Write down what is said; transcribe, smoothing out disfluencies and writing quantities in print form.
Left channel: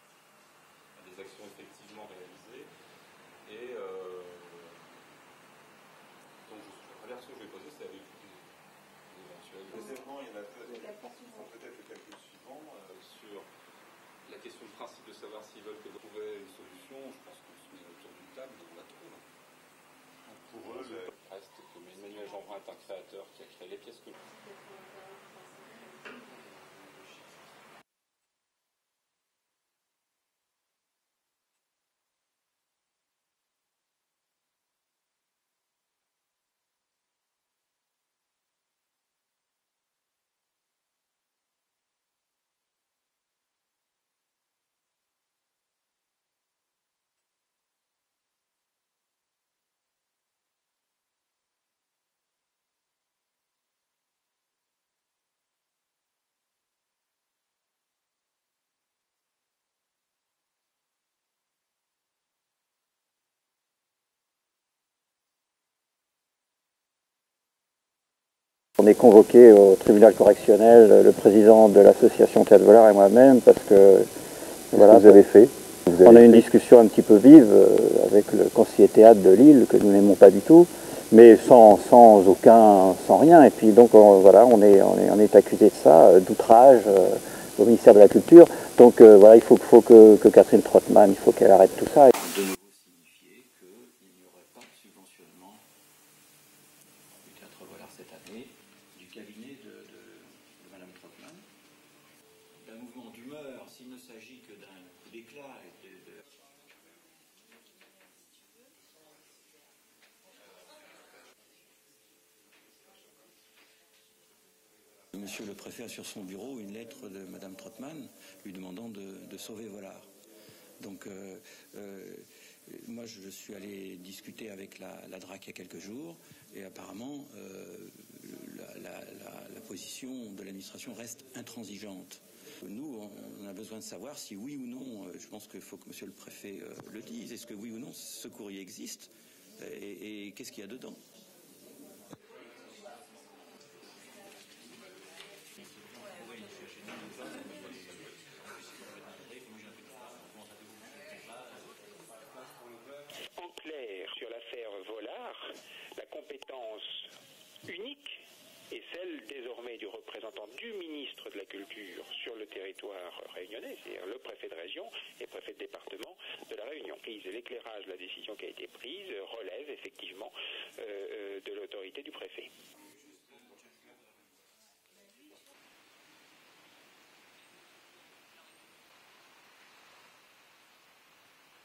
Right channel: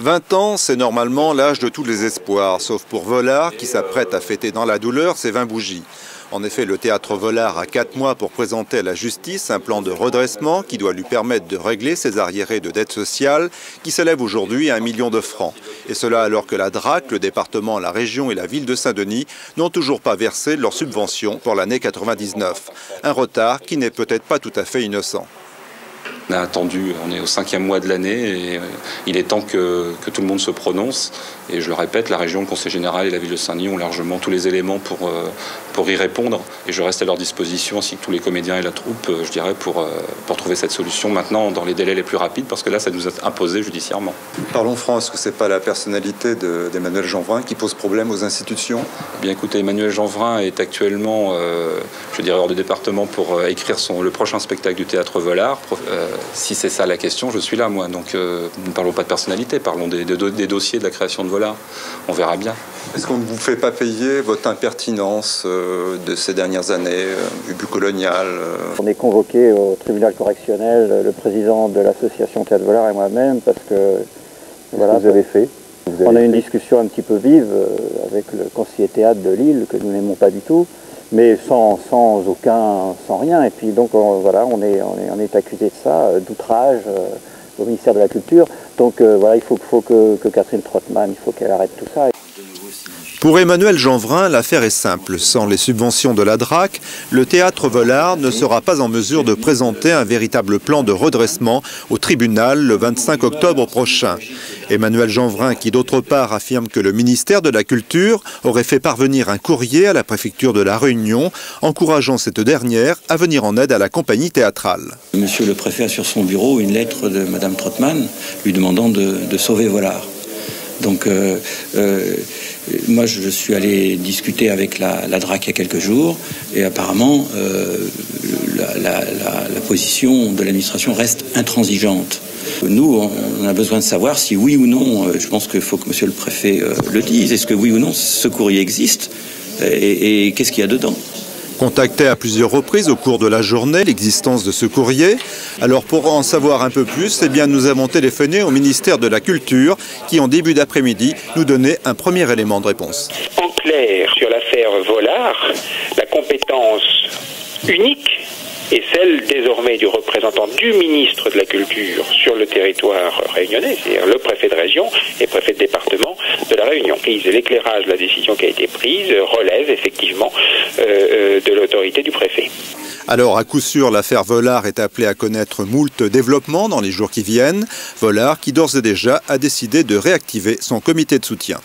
20 ans, c'est normalement l'âge de tous les espoirs, sauf pour Volard qui s'apprête à fêter dans la douleur ses 20 bougies. En effet, le théâtre Volard a 4 mois pour présenter à la justice un plan de redressement qui doit lui permettre de régler ses arriérés de dette sociale qui s'élèvent aujourd'hui à 1 million de francs. Et cela alors que la DRAC, le département, la région et la ville de Saint-Denis n'ont toujours pas versé leur subvention pour l'année 99. Un retard qui n'est peut-être pas tout à fait innocent. On a attendu, on est au 5e mois de l'année et il est temps que tout le monde se prononce. Et je le répète, la région, le Conseil général et la ville de Saint-Denis ont largement tous les éléments pour y répondre. Et je reste à leur disposition, ainsi que tous les comédiens et la troupe, je dirais, pour trouver cette solution maintenant dans les délais les plus rapides, parce que là, ça nous a imposé judiciairement. Parlons franc, est-ce que ce n'est pas la personnalité d'Emmanuel Jeanvrin qui pose problème aux institutions? Eh bien, écoutez, Emmanuel Jeanvrin est actuellement, je dirais, hors du département pour écrire le prochain spectacle du théâtre Volard. Si c'est ça la question, je suis là, moi. Donc, ne parlons pas de personnalité, parlons des dossiers de la création de Volard. On verra bien. Est-ce qu'on ne vous fait pas payer votre impertinence de ces dernières années, du but colonial On est convoqué au tribunal correctionnel, le président de l'association Théâtre Volard et moi-même, parce que voilà, vous avez fait. On a eu une discussion un petit peu vive avec le conseiller théâtre de Lille, que nous n'aimons pas du tout, mais sans rien. Et puis donc voilà, on est accusé de ça, d'outrage au ministère de la Culture. Donc voilà, il faut que Catherine Trottmann, il faut qu'elle arrête tout ça. Pour Emmanuel Jeanvrin, l'affaire est simple. Sans les subventions de la DRAC, le théâtre Volard ne sera pas en mesure de présenter un véritable plan de redressement au tribunal le 25 octobre prochain. Emmanuel Jeanvrin, qui d'autre part affirme que le ministère de la Culture aurait fait parvenir un courrier à la préfecture de La Réunion, encourageant cette dernière à venir en aide à la compagnie théâtrale. Monsieur le préfet a sur son bureau une lettre de Madame Trottmann lui demandant de sauver Volard. Donc moi je suis allé discuter avec la DRAC il y a quelques jours et apparemment la position de l'administration reste intransigeante. Nous, on a besoin de savoir si oui ou non, je pense qu'il faut que monsieur le préfet le dise, est-ce que oui ou non ce courrier existe et qu'est-ce qu'il y a dedans? Contacté à plusieurs reprises au cours de la journée l'existence de ce courrier. Alors pour en savoir un peu plus, eh bien, nous avons téléphoné au ministère de la Culture qui en début d'après-midi nous donnait un premier élément de réponse. En clair, sur l'affaire Volard, la compétence unique est celle désormais du représentant du ministre de la Culture sur le territoire réunionnais, c'est-à-dire le préfet de région et préfet de département de la Réunion. Et l'éclairage de la décision qui a été prise relève effectivement de l'autorité du préfet. Alors, à coup sûr, l'affaire Volard est appelée à connaître moult développements dans les jours qui viennent. Volard qui d'ores et déjà a décidé de réactiver son comité de soutien.